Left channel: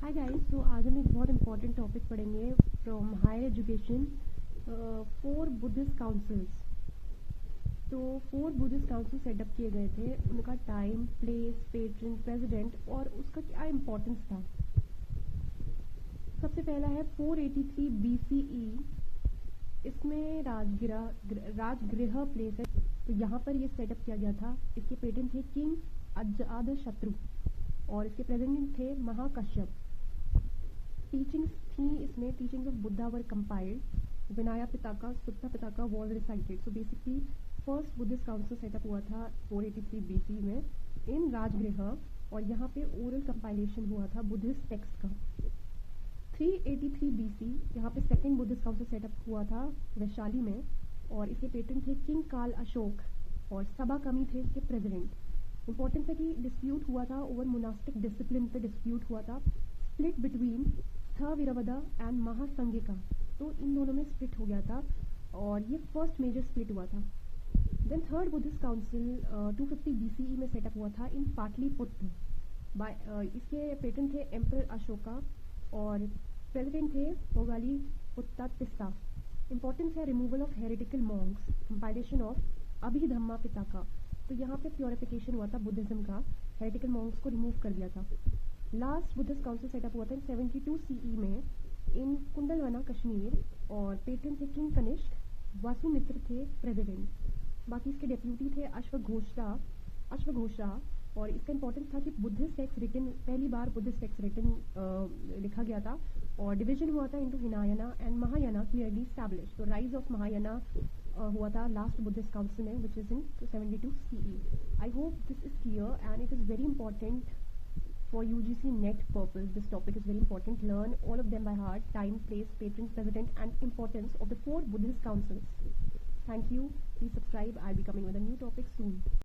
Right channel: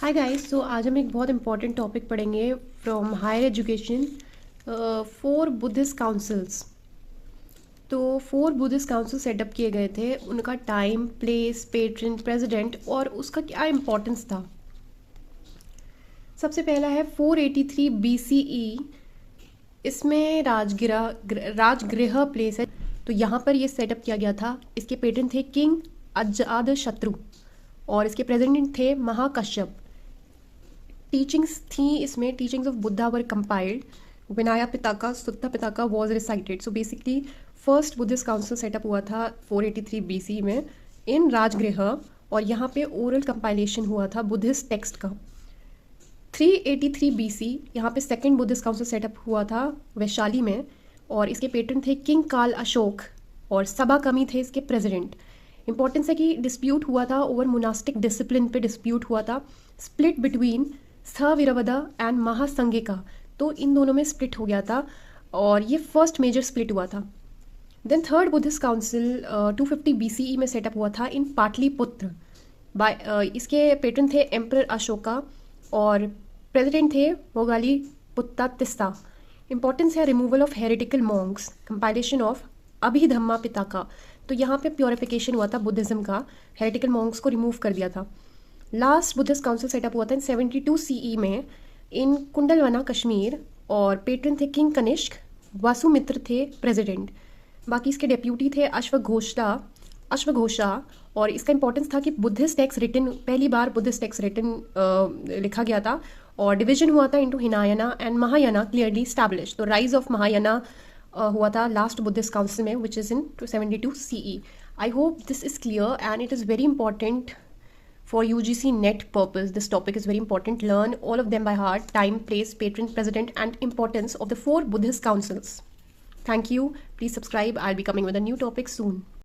Hi guys. तो आज हम एक बहुत इंपॉर्टेंट टॉपिक पढ़ेंगे from higher education. Four Buddhist councils. तो फोर बुद्धिस्ट काउंसिल सेटअप किए गए थे, उनका टाइम, प्लेस, पेट्रन, प्रेसिडेंट और उसका क्या इम्पोर्टेंस था। सबसे पहला है 483 BCE। इसमें राजगृह प्लेस है। तो यहाँ पर ये सेटअप किया गया था। इसके पेट्रन थे किंग अजाद शत्रु और इसके प्रेसिडेंट थे महाकश्यप। टीचिंग्स थी इसमें, teachings of Buddha were compiled. Vinaya Pitaka Sutta Pitaka was recited. So basically first Buddhist council setup हुआ था 483 BC में इन राजगृह, और यहाँ पे ओरल कंपाइलेशन हुआ था बुद्धिस्ट टेक्स्ट का। 383 BC यहाँ पे सेकेंड बुद्धिस्ट काउंसिल सेटअप हुआ था वैशाली में, और इसके पेट्रन थे किंग काल अशोक और सबा कमी थे इसके प्रेसिडेंट। इंपॉर्टेंस है कि डिस्प्यूट हुआ था ओवर मोनास्टिक डिसिप्लिन पे डिस्प्यूट हुआ था, स्प्लिट बिटवीन स्थविरवदा एंड महासंगिका। तो इन दोनों में स्प्लिट हो गया था और ये फर्स्ट मेजर स्प्लिट हुआ था। Then third Buddhist council 250 BCE में सेटअप हुआ था इन पाटलिपुत्र बाय इसके पेट्रन थे एम्परर अशोका और प्रेसिडेंट थे मोगाली पुत्तातिस्ता। इंपॉर्टेंस है removal of heretical monks, compilation of Abhidhamma Pitaka. तो यहाँ पे प्योरिफिकेशन हुआ था बुद्धिज्म का, हेरिटिकल मॉन्क्स को रिमूव कर दिया था। लास्ट बुद्धिस्ट काउंसिल सेटअप हुआ था इन 72 CE में इन कुंडलवना कश्मीर, और पेट्रन थे किंग कनिष्क, वासुमित्र थे प्रेसिडेंट। बाकी इसके डेप्यूटी थे अश्वघोषा। और इसका इंपॉर्टेंस था कि बुद्धिस्ट टेक्स्ट रिटन, पहली बार बुद्धिस्ट टेक्स्ट रिटन लिखा गया था, और डिवीजन हुआ था into Hinayana and Mahayana clearly establish. तो राइज ऑफ महायाना हुआ था लास्ट बुद्धिस्ट काउंसिल में, which is in 272 CE। I hope this is clear and it is very important for UGC NET purpose. This topic is very important. Learn all of them by heart: time, place, patron, president, and importance of the four Buddhist councils. Thank you. Please subscribe. I'll be coming with a new topic soon.